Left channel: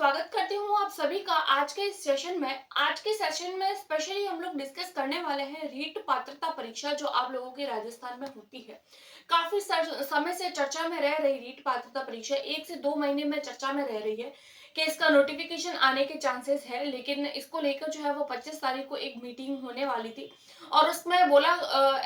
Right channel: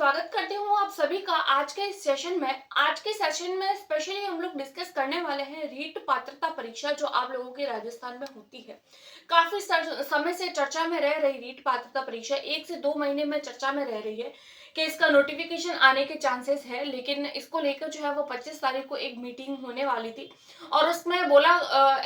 स्वागत करती हूँ आप सभी का आज के इस सेशन में। आज के सेशन में स्पेशली हम लोग डिस्कस करने वाले हैं रीट पात्रता परीक्षा जो आप लोगों के राजस्थान में होती है। काफी समय से चर्चा में रह रही रीट पात्रता परीक्षा 1 से 2 महीने में चर्चा में रह रही है कि इसका नोटिफिकेशन आने के चांसेस है, लेकिन इसको लेकर जो है वो 25 तारीख को एक मीटिंग होने वाली थी और उसमें बोला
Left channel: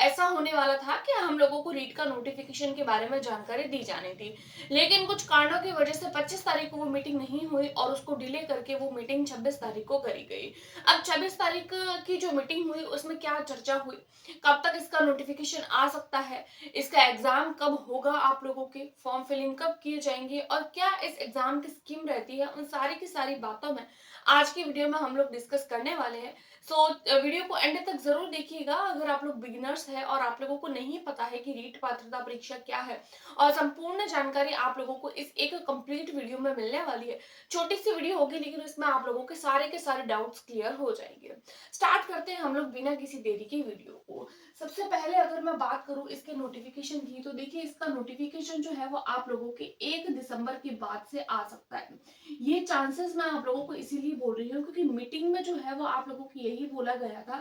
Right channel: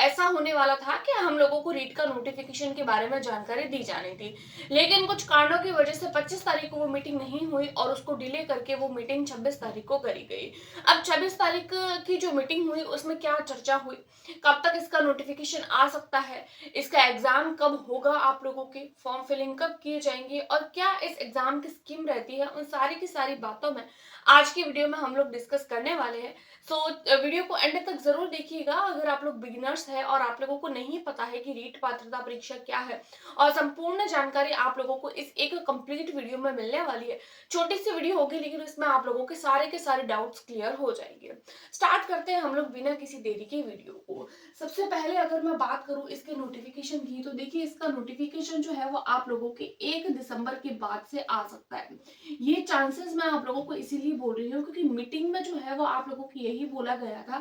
ऐसा होने वाला था कि हम लोगों को रीट का नोटिफिकेशन के बारे में जानकारी दी जानी थी। लेकिन कुछ कारणों की वजह से 25 तारीख को वो मीटिंग नहीं हुई और उसको डिले करके वो मीटिंग 26 तारीख को करी गई। अब 26 तारीख की जो मीटिंग हुई उसमें क्या चर्चा हुई, कब तक इसका नोटिफिकेशन आ सकता है, इसका एग्जाम कब होगा, आप लोगों की फॉर्म फिलिंग कब की जाएंगी और क्या इस एग्जाम की स्कीम रहती है, उन सारी की सारी बातों में आज की वीडियो में हम लोग डिस्कस करने वाले हैं। सो वीडियो को एंड तक जरूर देखिएगा अगर आप लोग बिगिनर्स हैं और आप लोगों को नहीं पता है कि रीट पात्रता परीक्षा क्या है, और संपूर्ण जानकारी आप लोगों को इस एक कंप्लीट वीडियो में मिलने वाली है। छोटी सी वीडियो होगी लेकिन इसमें आप लोगों के सारे डाउट्स क्लियर हो जाएंगे। स्टार्ट करते हैं हम लोग बिना किसी देरी की वीडियो को। सबसे पहले अगर मैं बात करूं इसके नोटिफिकेशन की, तो देखिए इसका नोटिफिकेशन जो है वो आप लोगों के 1 दिसंबर के बाद से आ सकता है। ये चांसेस मैं आप लोगों को इसीलिए बोल रही हूँ क्योंकि मीटिंग में जो है वो आप लोगों को यही बोला गया था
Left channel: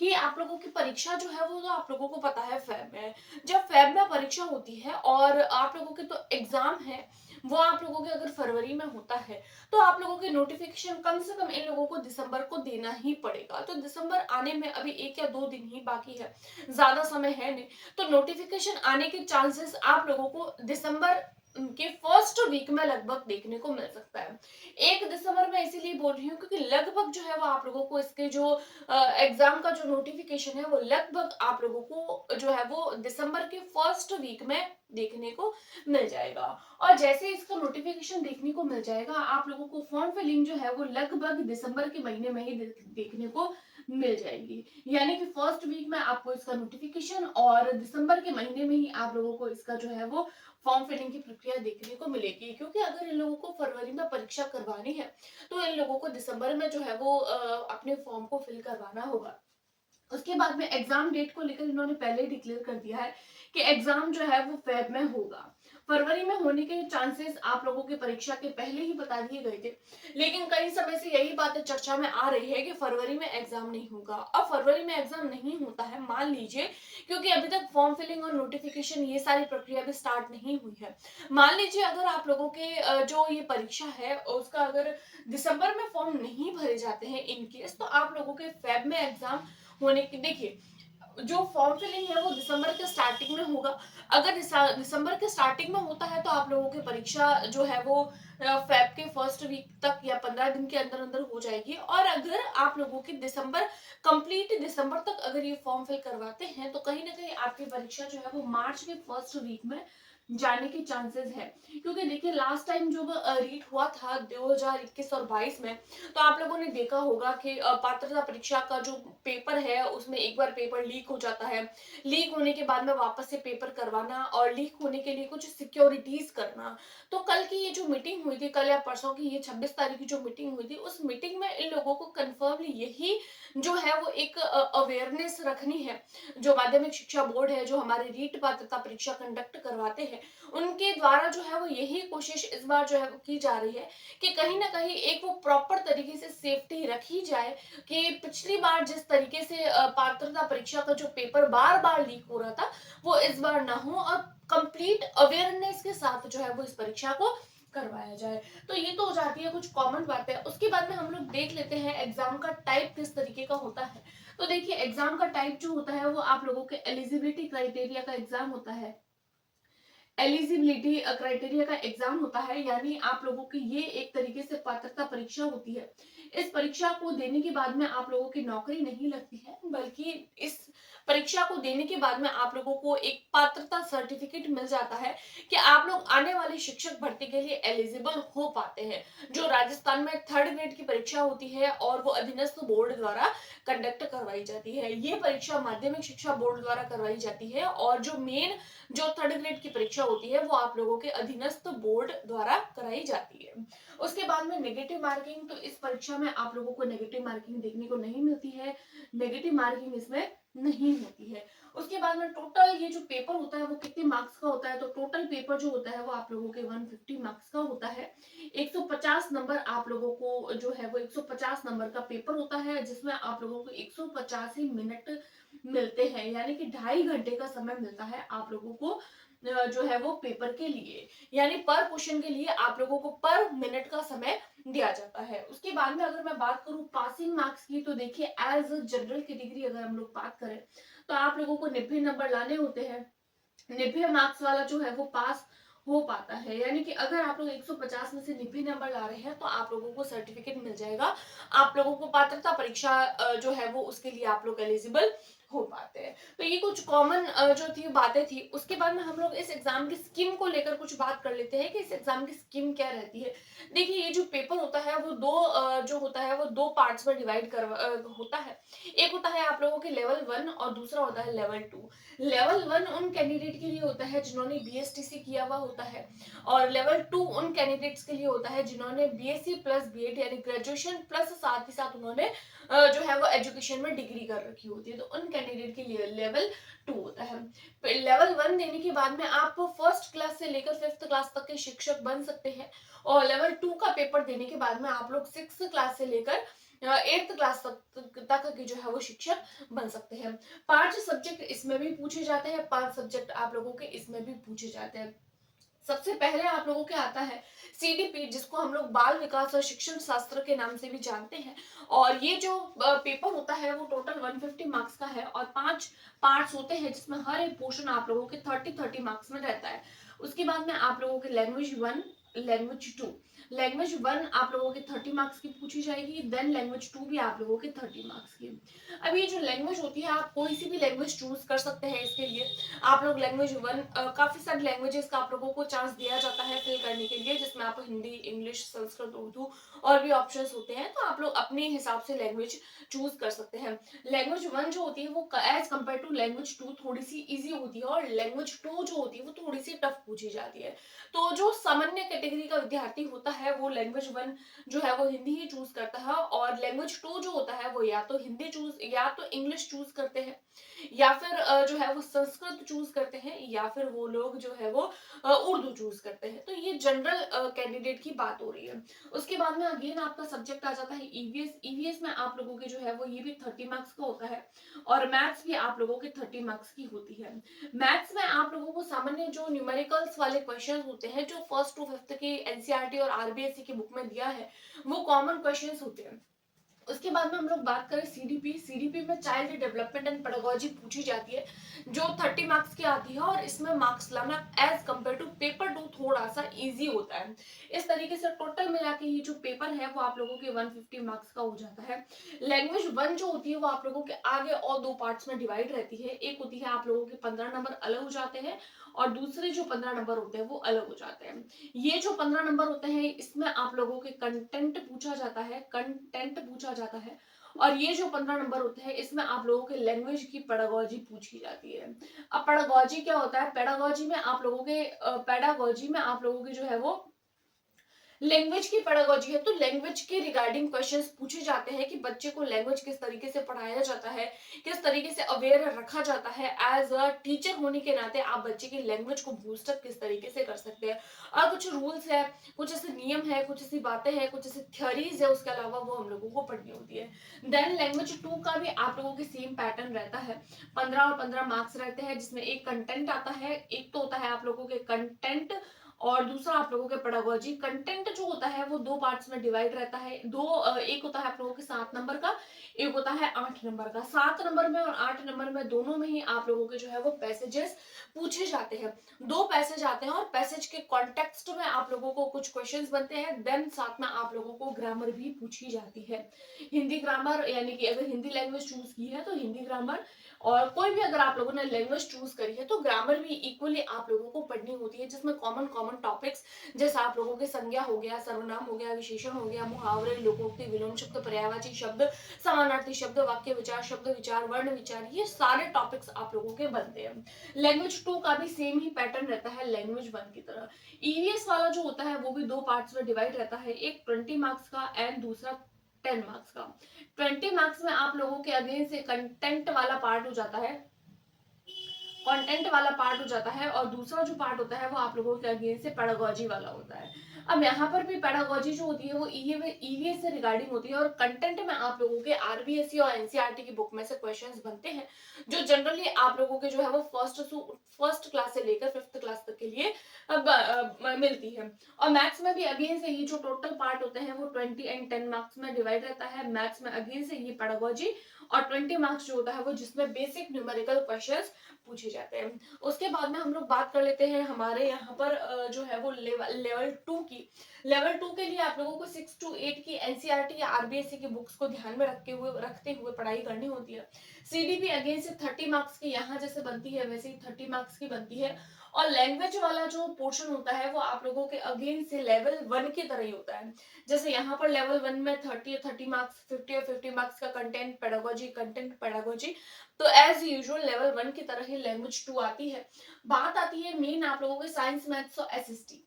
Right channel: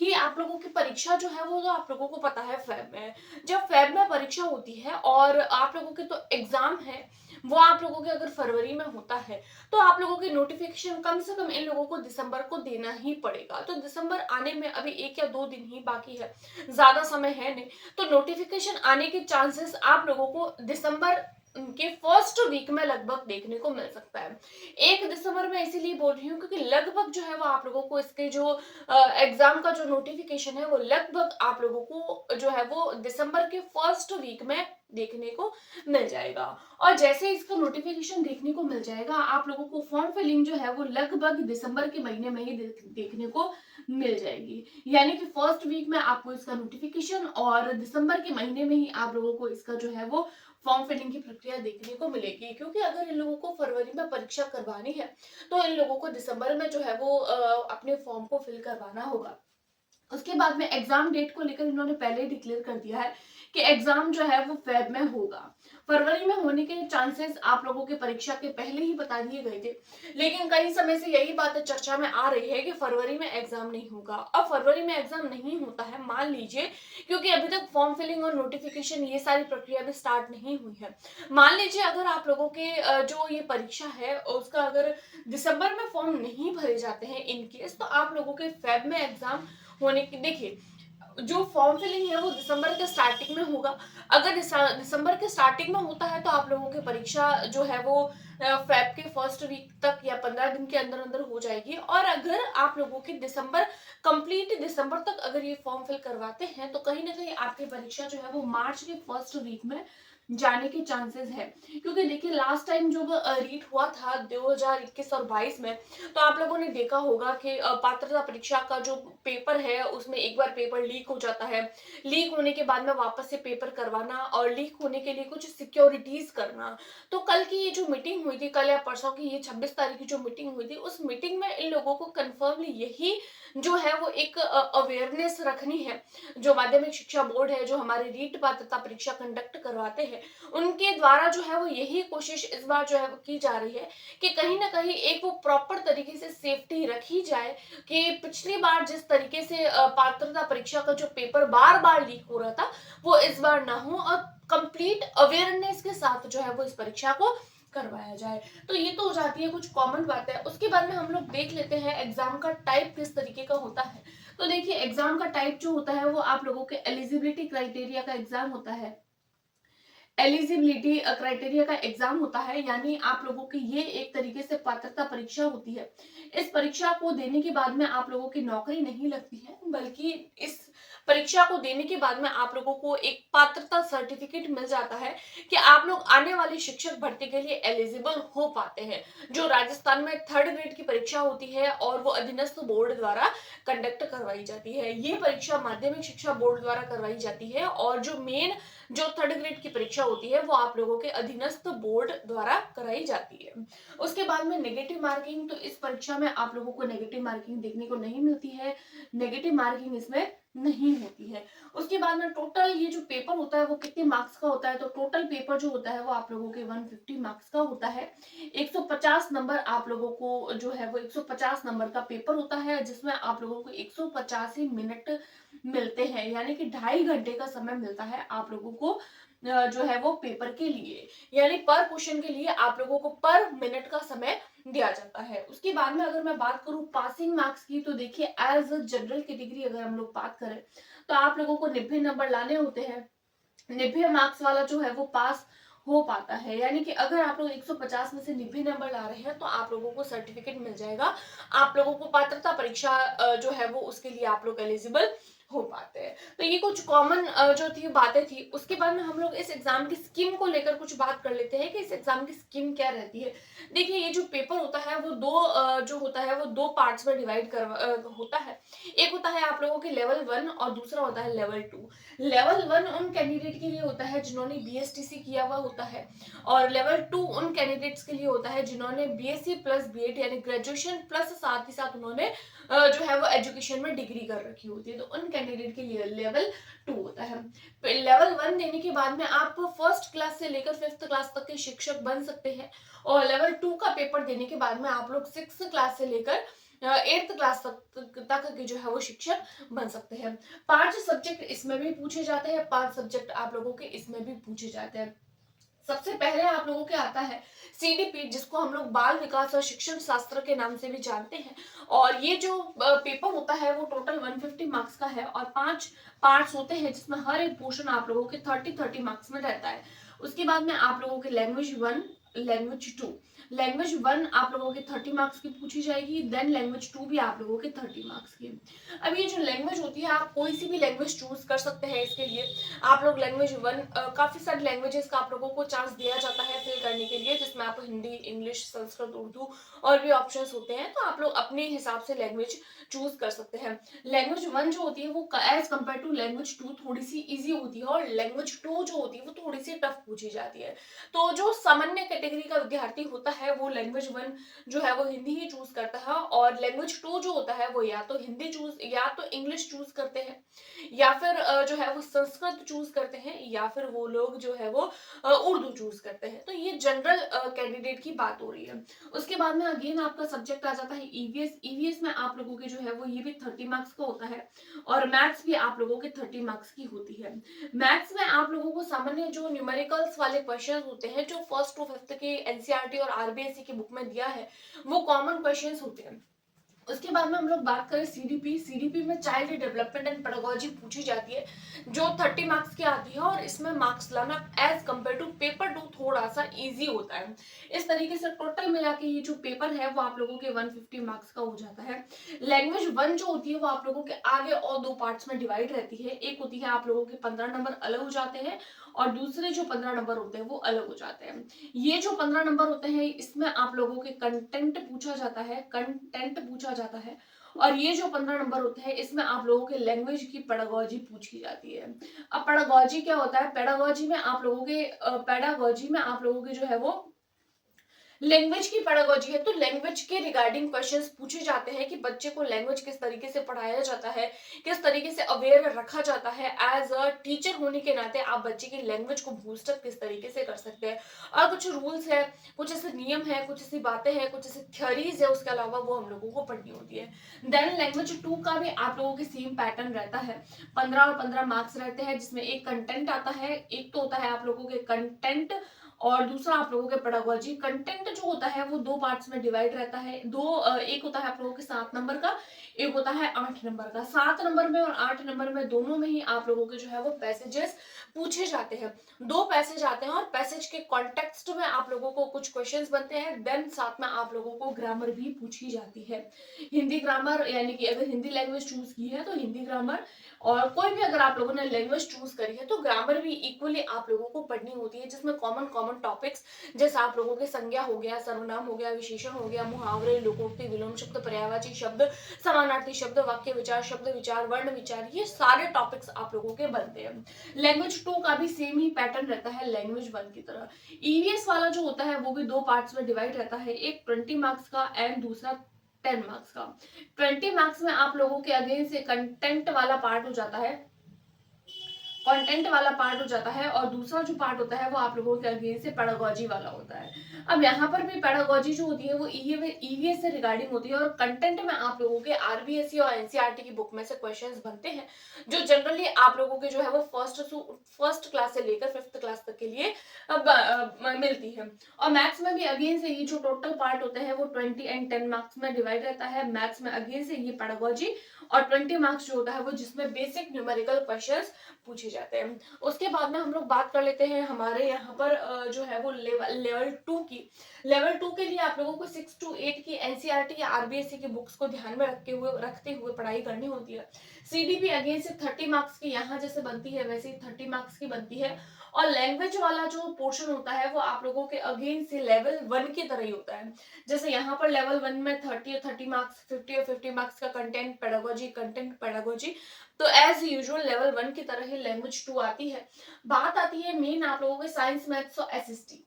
कि आप लोगों की परीक्षा जो है वो, तो आप लोगों को पता है फेब में, जब फेब में परीक्षा होती है और आप लोगों के तो एग्जाम है वो आप लोगों के अगर फरवरी में होता है तो आप लोगों के नोटिफिकेशन कम से कम इन लोगों को दिसंबर को देना ही पड़ेगा। तो दिसंबर आने में अभी 1 या 2 दिन ही बाकी है, ज्यादा समय है नहीं। तो नोटिफिकेशन आने के चांसेस आप लोगों को दिसंबर के फर्स्ट वीक में लगभग देखने को मिल सकता है। 1 दिसंबर में इसीलिए बोल रही हूँ क्योंकि लगभग जो है वो आप लोगों को इसके जो एग्जाम का जो नोटिफिकेशन है वो लगभग आप लोगों को जो है वो दिसंबर के फर्स्ट वीक में देखने को मिल जाएगा। और जैसे इसका नोटिफिकेशन देखने को मिल जाएगा आप लोगों को फॉर्म फिलिंग जो है वो लगभग दिसंबर के महीने में ही देखने को मिल जाएगी। यानी कि फर्स्ट वीक में आपको इसका नोटिफिकेशन और दिसंबर के महीने में ही आप लोगों को इसका जो है वो फॉर्म फिलिंग की प्रक्रिया देखने को मिलेगी। क्योंकि अगर इन लोगों को फरवरी में परीक्षा करवानी है तो इन लोगों को दिसंबर में जो है वो अपने फॉर्म को फिल करवाना होगा। उसके बाद में एग्जाम डेट को लेकर इन्होंने पहले ही डिक्लेयर कर दिया है कि एग्जाम जो है वो फेब में होगा। फरवरी में होने के चांसेस आप लोगों के परीक्षा के पहले ही बता दिए गए थे, लेकिन कई समय से यही बातें चर्चा में आ रही है कि फरवरी में एग्जाम नहीं होगा। अब फरवरी में एग्जाम नहीं होता है मान लीजिए, क्योंकि अभी तक फॉर्म फिलिंग और नोटिफिकेशन ये सारी प्रक्रिया भी स्टार्ट नहीं हुई है। मान लीजिए अगर आप लोगों के जो ये परीक्षा है उसका अगर दिसंबर में फॉर्म नहीं भरे जाते हैं इन केस, तो आप लोगों के फेब में एग्जाम होने की, देखिए जो फॉर्म फिलिंग है वो दिसंबर के स्टार्टिंग में होगा। अगर दिसंबर के स्टार्टिंग में होता है तो आप लोगों की परीक्षा जो है वो फेब के फर्स्ट वीक तक या 15 दिन के अंदर अंदर हो जाएगी। और अगर आप लोगों की कंप्लीट दिसंबर तक अगर ये फॉर्म फिल करवाते हैं तो कहीं ना कहीं आपकी परीक्षा जो है वो मार्च के फर्स्ट वीक में जाने के चांसेस है। क्योंकि देखिए लास्ट टाइम जब रीट हुआ था 2021 और 22 में, तो आप लोगों ने देखा होगा कि पात्रता परीक्षा का जो पेपर है उसमें एक बार पेपर लीक हो जाता है। लीक होने के बाद में वापस से पेपर करवाना और लीक होने के लिए कुछ सिक्योरिटीज करना। तो कल की ये जो मीटिंग हुई थी, कल या परसों की ये 26 तारीख की जो मीटिंग हुई थी, उस मीटिंग में इन लोगों को कन्फर्मली यही जो है वो एक अवेयरनेस रखनी है। जो माध्यमिक शिक्षा बोर्ड है, जो हमारे रीट पात्रता परीक्षा कंडक्ट करवाते हैं, उनके द्वारा जो है वो यही कोशिश इस बार जो है वो की जा रही है कि कहीं ना कहीं एक वो प्रॉपर तरीके से सेफ्टी रखी जाए कि पिछली बार जिस तरीके से पात्रता परीक्षा का जो पेपर बार बार लीक हो रहा था वो इस बार ना हो और कंप्लीट अवेयरनेस के साथ जो है वो इस परीक्षा को करवाया जाए। तो ये तो हो जाती है कुछ कॉमन बातें। उसके बाद में हम लोग देख लेते हैं एग्जाम का टाइप किस तरीके का होता है। तो देखिए एग्जाम का टाइप जो होता है वो आप लोगों के एलिजिबिलिटी क्राइटेरिया का एग्जाम होता है। एलिजिबिलिटी क्राइटेरिया का एग्जाम होता है, यानी आप लोगों की ये एक तरीके से पात्रता परीक्षा होती है। इस परीक्षा को देने के बाद में आप लोगों की नौकरी नहीं लगती है, बल्कि इस परीक्षा को देने के बाद में आप लोगों को एक पात्रता सर्टिफिकेट मिल जाता है कि आप लोग आने वाली शिक्षक भर्ती के लिए एलिजिबल हो पाते हैं। जो राजस्थान में थर्ड ग्रेड की परीक्षा होती है और वो अधीनस्थ बोर्ड द्वारा कंडक्ट करवाई जाती है। ये परीक्षा माध्यमिक शिक्षा बोर्ड द्वारा करवाई जाती है और जो थर्ड ग्रेड की परीक्षा होती है वो आप लोगों के अधीनस्थ बोर्ड द्वारा कराई जाती है। उसके बाद में नेगेटिव मार्किंग, तो इस परीक्षा में आप लोगों को नेगेटिव मार्किंग देखने को नहीं मिलती है, नेगेटिव मार्किंग इसमें नहीं होती है। उसके बाद में टोटल ये जो पेपर होता है वो कितने मार्क्स का होता है, तो टोटल पेपर जो होता है वो आप लोगों के 150 मार्क्स का होता है। 150 150 नंबर आप लोगों को जो है वो 150 नंबर का पेपर होता है, जिसमें आप लोगों को 150 ही मिनट मिलते हैं, यानी कि 2.5 घंटे का समय मिलता है आप लोगों को जो है वो पेपर के लिए, यानी पर क्वेश्चन के लिए आप लोगों को पर मिनट का समय दिया जाता है। उसके बाद में अगर मैं बात करूं पासिंग मार्क्स की, तो देखिए एज जनरल कैटेगरी अगर हम लोग बात करें तो आप लोगों को 90 नंबर लाने होते हैं। 90 मार्क्स वाला जो है वो पास हो पाता है, यानी कि अगर आप लोग 150 में से 90 नंबर ला रहे हैं तो आप लोगों को सर्टिफिकेट मिल जाएगा, आप लोगों को पात्रता परीक्षा जो है वो उसके लिए आप लोग एलिजिबल हो पाते हैं। तो ये कुछ कॉमन जो थी बातें थी। उसके बाद में हम लोग इस एग्जाम की स्कीम को लेकर कुछ बात कर लेते हैं कि इस एग्जाम की स्कीम क्या रहती है। देखिए ये जो पेपर होता है वो जो होता है वो दो पार्ट्स में डिवाइड होता है। एक होता है आप लोगों के लेवल 1 और दूसरा होता है लेवल 2। लेवल 1 उन कैंडिडेट के लिए होता है जिन्होंने बीएसटीसी किया हुआ होता है, और लेवल 2 उन कैंडिडेट्स के लिए होता है जिन्होंने बीएससी प्लस बीएड यानी ग्रेजुएशन प्लस साथ ही साथ उन्होंने जो है वो एजुकेशन में डिग्री कर रखी होती है, तो उन कैंडिडेट के लिए लेवल 2 होता है। लेवल 1 देने के बाद में आप फर्स्ट क्लास से लेकर 5th क्लास तक के शिक्षक बन सकते हैं, और लेवल 2 का पेपर देने के बाद में आप लोग 6th क्लास से लेकर 8th क्लास तक के जो है वो शिक्षक बन सकते हैं। 5 सब्जेक्ट इसमें भी पूछे जाते हैं, 5 सब्जेक्ट आप लोगों के इसमें भी पूछे जाते हैं। सबसे पहले आप लोगों के आता है सीडीपी, जिसको हम लोग बाल विकास और शिक्षण शास्त्र के नाम से भी जानते हैं, और ये जो पेपर होता है वो टोटल 150 मार्क्स का है, और 5 पार्ट्स होते हैं जिसमें हर एक पोर्शन आप लोगों के 30 मार्क्स में रहता है। उसके बाद में आप लोगों के लैंग्वेज 1, लैंग्वेज 2। लैंग्वेज 1 आप लोगों के 30 मार्क्स की पूछी जाएगी, देन लैंग्वेज 2 भी आप लोगों के 30 मार्क्स की। अब ये जो लैंग्वेज होती है आप कोई सी भी लैंग्वेज चूज कर सकते हैं इसके लिए। आप लोग लैंग्वेज 1 काफी सारी लैंग्वेजेस का आप लोगों को चांस दिया जाता है फिल करने के लिए, जिसमें आप हिंदी, इंग्लिश, संस्कृत, उर्दू और भी ऑप्शंस होते हैं, तो आप लोग अपने हिसाब से लैंग्वेज चूज कर सकते हैं। लैंग्वेज 1 जो होती है वो एज कम्पेयर टू लैंग्वेज 2 थोड़ी सी इजी होती है, और लैंग्वेज 2 जो होती है वो थोड़ी सी टफ पूछी जाती है। तो जो सामान्य कैटेगरी का विद्यार्थी होता है वो लैंग्वेज 1 जो है वो हिंदी ही चूज करता है, और लैंग्वेज 2 जो होता है वो या तो हिंदी चूज या तो इंग्लिश चूज करते हैं, या फिर जो है वो संस्कृत चूज करते हैं, या फिर वो लोग जो है वो उर्दू चूज करते हैं। तो ये जनरल कैंडिडेट की बात हो रही है। उसके बाद में अगेन आपका सब्जेक्ट आ जाता है ईवीएस। ईवीएस में आप लोगों के जो है वो ये भी 30 मार्क्स का होता है, और मैथ्स भी आप लोगों के 30 मार्क्स की होती है। मैथ्स में आप लोगों को सामान्य जो न्यूमेरिकल्स वाले क्वेश्चन होते हैं जो 1st to 5th की एनसीईआरटी और आरबीएसई की बुक में दिया है, वो कॉमन क्वेश्चन होते हैं। उसके बाद में हम लोग बात करें सीडीपी। सीडीपी में चाइल्ड डेवलपमेंट एंड पेडागोजी पूछी जाती है, जो 30 मार्क्स की आती है, और इसमें मार्क्स लाना एज कम्पेयर टू पेपर 2 थोड़ा सा इजी होता है। इस तरीके से टोटल मिला के ये जो पेपर है वो आप लोगों के 150 मार्क्स का हो जाता है। लैंग्वेज 1 जो होती है वो आप लोगों के आगे और 2 पार्ट्स में डिवाइड रहती है। एक होती है आप लोगों के 15 नंबर अलग हो जाते हैं, और दूसरे जो 15 नंबर होते हैं वो अलग हो जाते हैं। ये जो 15 नंबर होते हैं इसमें आप लोगों के कंटेंट पूछा जाता है, कंटेंट पूछा जाता है, और ये जो 15 नंबर होते हैं इसमें आप लोगों के लैंग्वेज की पेडागोजी पूछी जाती है। अब पेडागोजी क्या होता है? पेडागोजी में आप लोगों के जो है वो लैंग्वेज की पेडागोजी है, तो लैंग्वेज के रिगार्डिंग क्वेश्चंस पूछे जाते हैं कि बच्चे को लैंग्वेज किस तरीके से पढ़ाया जाता है, किस तरीके से अवेयर रखा जाता है। एज अ टीचर होने के नाते आप बच्चे की लैंग्वेज को बूस्टअप किस तरीके से कर सकते हैं, और कुछ रूल्स है, कुछ ऐसे नियम है, कुछ ऐसी बातें हैं, कुछ ऐसी थ्योरीज है, उसके अलावा वो हम लोगों को पढ़नी होती है। देन लैंग्वेज 2 का भी आप लोगों के सेम पैटर्न रहता है। 15 और 15 मार्क्स रहते हैं, जिसमें एक कंटेंट आता है, एक तो होता है आप लोगों के कंटेंट, और दूसरा आप लोगों के पेडागोजी। कंटेंट जो होता है वो 2 पार्ट्स में डिवाइड रहता है। एक होता है आप लोगों के 7 नंबर का, एक होता है 8 नंबर का। 7 नंबर में और 8 नंबर में दोनों में ही आप लोगों के जो है वो पैसेजेस पूछे जाते हैं। 2 पैसेज आते हैं, और पैसेज के कॉन्टेक्स्ट में आप लोगों को कुछ क्वेश्चंस बनते हैं। देन साथ में आप लोगों को ग्रामर भी पूछी जाती है। हिंदी ग्रामर, यानी कि अगर हिंदी लैंग्वेज चूज की है तो हिंदी ग्रामर, और कोई भी अगर आप लोगों ने लैंग्वेज चूज करी है तो ग्रामर भी इक्वली आप लोगों को पढ़नी होती है, जिसमें कॉमन कॉमन टॉपिक्स जैसे आप लोगों के संज्ञा हो गया, सर्वनाम हो गया, विशेषण हो गया, मुहावरे, लोकोक्ति, विलोम शब्द, पर्यायवाची शब्द, समानार्थी शब्द, वाक्य विचार, शब्द विचार, वर्ण विचार, ये सारे टॉपिक्स आप लोगों के बनते हैं। लैंग्वेज 2 का भी सेम ही पैटर्न रहता है लैंग्वेज 1 की तरह। ईवीएस वाला जो होता है वो भी 2 पार्ट्स में डिवाइड रहता है, एक 20 मार्क्स का एंड दूसरा 10 मार्क्स का। 20 मार्क्स में आप लोगों के अगेन से कंटेंट वाला पार्ट हो जाता है, कंटेंट वाला पार्ट हो जाता है, और दूसरा जो पार्ट होता है वो आप लोगों के अगेन से पेडागोजी वाला होता है। अब यहाँ पर भी पेडागोजी जो होती है वो ईवीएस से रिगार्डिंग होती है, और कंटेंट में आप लोगों के आरबीएसई और एनसीईआरटी की बुक में से क्वेश्चंस बनते हैं, जो जनरली आप लोगों के जो है वो फर्स्ट क्लास से लेकर 5th क्लास तक के लिए मिलती है। और मैथ्स में भी अगेन से ये जो टोटल पार्ट होते हैं वो 20 एंड 10 मार्क्स में डिवाइड रहता है। मैथ्स में अगेन से ये पेडागोजी, और 20 मार्क्स जो होता है वो जिसमें बेसिक न्यूमेरिकल क्वेश्चंस पूछे जाते हैं। उसके बाद में हम लोग बात कर लेते हैं हमारे यहाँ पर जो है वो लेवल 2 की। लेवल 2 के लिए आप लोगों को 6 to 8 की एनसीईआरटी या आरबीएसई की बुक्स को ध्यान में रखते हुए पढ़ाई करनी होती है। सीडीपी अगेन से 30 मार्क्स की यहाँ जैसे बनती है वैसे ही 30 मार्क्स की बनती है। और लैंग्वेज वाला जो पोर्शन होता है वो आप लोगों के अगेन से लेवल 1 की तरह ही होता है। जैसे यहाँ पर लेवल 1 में 30 और 30 मार्क्स, 50 और 50 मार्क्स का कंटेंट पेडागोजी, तो एज यूजुअल लेवल 1 की तरह ही लैंग्वेज 2 आती है। बात आती है मेन आप लोगों के साइंस, मैथ्स और एसएसटी,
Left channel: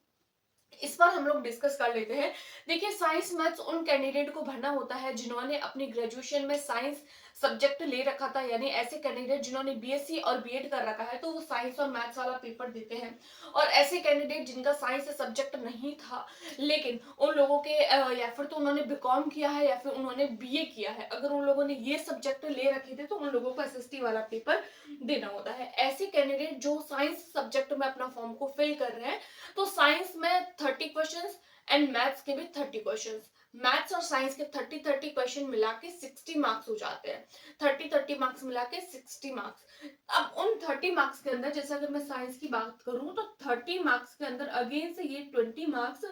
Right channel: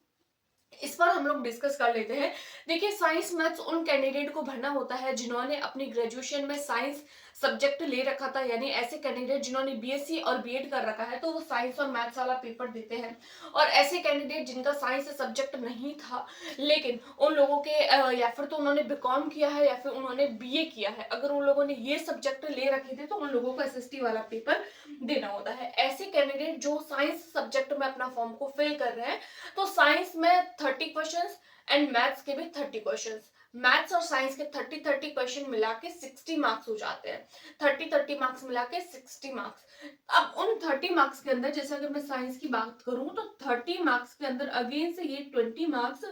इस पर हम लोग डिस्कस कर लेते हैं। देखिए, साइंस मैथ्स उन कैंडिडेट को भरना होता है जिन्होंने अपनी ग्रेजुएशन में साइंस सब्जेक्ट ले रखा था, यानी ऐसे कैंडिडेट जिन्होंने बीएससी और बीएड कर रखा है तो वो साइंस और मैथ्स वाला पेपर देते हैं। और ऐसे कैंडिडेट जिनका साइंस से सब्जेक्ट नहीं था, लेकिन उन लोगों के या फिर तो उन्होंने बीकॉम किया है या फिर उन्होंने बीए किया है, अगर उन लोगों ने ये सब्जेक्ट ले रखे थे तो उन लोगों को एसएसटी वाला पेपर देना होता है। ऐसे कैंडिडेट जो साइंस सब्जेक्ट में अपना फॉर्म को फिल कर रहे हैं, तो साइंस में 30 क्वेश्चंस एंड मैथ्स के भी 30 क्वेश्चंस, मैथ्स और साइंस के 30 क्वेश्चन मिला के 60 मार्क्स हो जाते हैं। 30 मार्क्स मिला के 60 मार्क्स। अब उन 30 मार्क्स के अंदर जैसे अगर मैं साइंस की बात करूं तो 30 मार्क्स के अंदर अगेन से ये 20 मार्क्स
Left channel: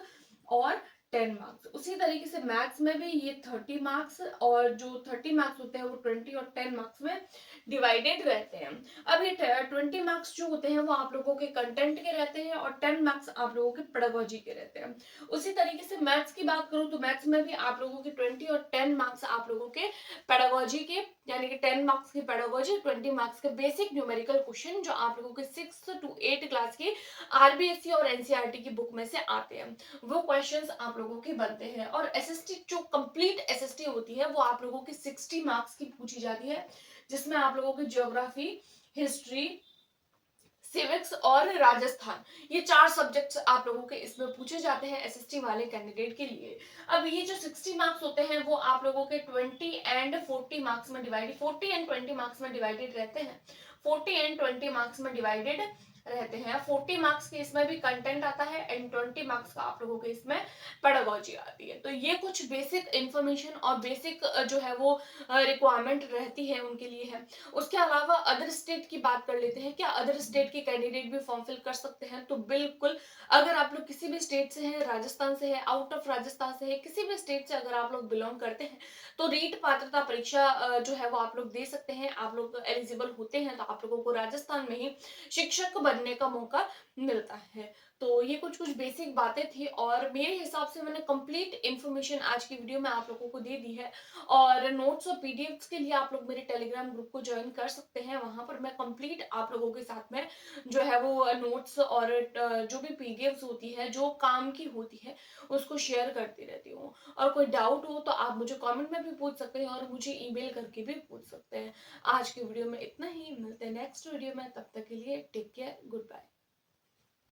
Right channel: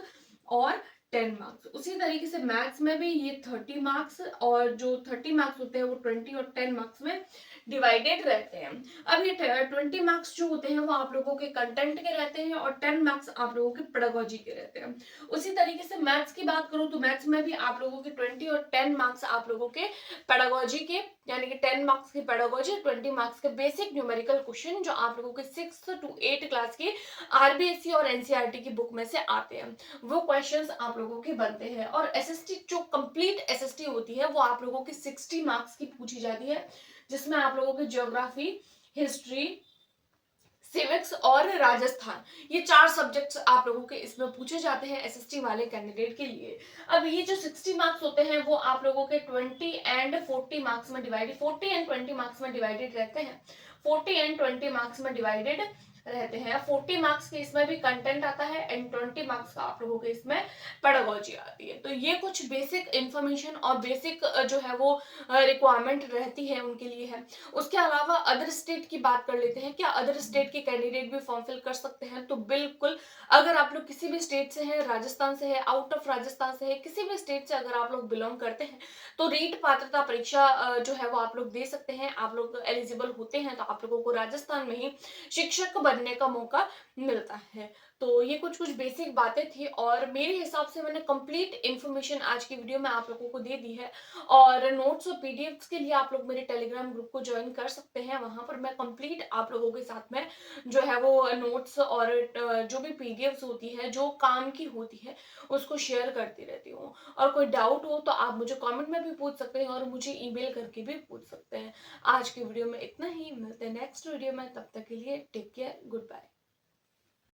और 10 मार्क्स, उसी तरीके से मैथ्स में भी ये 30 मार्क्स और जो 30 मार्क्स होते हैं वो 20 और 10 मार्क्स में डिवाइडेड रहते हैं। अब ये 20 मार्क्स जो होते हैं वो आप लोगों के कंटेंट के रहते हैं और 10 मार्क्स आप लोगों के पेडागोजी के रहते हैं। उसी तरीके से मैथ्स की बात करूं तो मैथ्स में भी आप लोगों के 20 और 10 मार्क्स आप लोगों के पेडागोजी के, यानी कि 10 मार्क्स की पेडागोजी, 20 मार्क्स के बेसिक न्यूमेरिकल क्वेश्चन जो आप लोगों के 6 to 8 क्लास की आरबीएसई और एनसीईआरटी की बुक में से आते हैं, वो क्वेश्चंस आप लोगों के बनते हैं। और एसएसटी जो कंप्लीट एसएसटी होती है वो आप लोगों की 60 मार्क्स की पूछी जाती है, जिसमें आप लोगों की ज्योग्राफी, हिस्ट्री, सिविक्स और राजस्थान, ये 4 सब्जेक्ट्स आप लोगों के इसमें पूछे जाते हैं एसएसटी वाले कैंडिडेट के लिए। अब ये जो 60 मार्क्स होते हैं वो आप लोगों के 20 एंड 40 मार्क्स में डिवाइडेड, 40 एंड 20 मार्क्स में डिवाइडेड रहते हैं। 40 एंड 20 मार्क्स में डिवाइडेड रहते हैं। 40 मार्क्स के इसमें भी कंटेंट आता है एंड 20 मार्क्स का आप लोगों के इसमें पेडागोजी आती है। तो ये कुछ बेसिक इंफॉर्मेशन और बेसिक जो है वो रिक्वायरमेंट रहती है उनके लिए है। उसके अलावा अदर स्टेट की बात कर लेते हैं। क्या अदर स्टेट के कैंडिडेट भी फॉर्म फिल कर सकते हैं? तो बिल्कुल, अगर आप लोग किसी भी स्टेट से हैं, राजस्थान से है, आउट ऑफ राजस्थान से है, किसी भी स्टेट से अगर आप लोग बिलोंग करते हैं तो रीट पात्रता परीक्षा जो है वो आप लोग दे सकते हैं। आप लोग एलिजिबल होते हैं तो आप लोगों को राजस्थान में ही शिक्षक बनने का मौका मिलता है। तो ये कुछ कुछ बेसिक बातें थी और मेरे हिसाब से मैंने कंप्लीट इन्फॉर्मेशन आज की वीडियो में आप लोगों को दे दी है। और नोट्स और पीडीएफ्स के लिए आप लोग मेरे टेलीग्राम ग्रुप को ज्वाइन कर सकते हैं। वहां पर मैं कंप्लीट आप लोगों के साथ में जो है वो नोट्स और जो भी पीडीएफ्स होती है जो काम की होती है उसको शेयर करती रहती हूँ। और कोई डाउट हो तो आप मुझे कमेंट में भी पूछ सकते हैं और मुझे ईमेल करके भी पूछ सकते हैं। आज की वीडियो में इतना ही, मिलते हैं नेक्स्ट वीडियो में, तब तक के लिए टेक केयर, गुड बाय।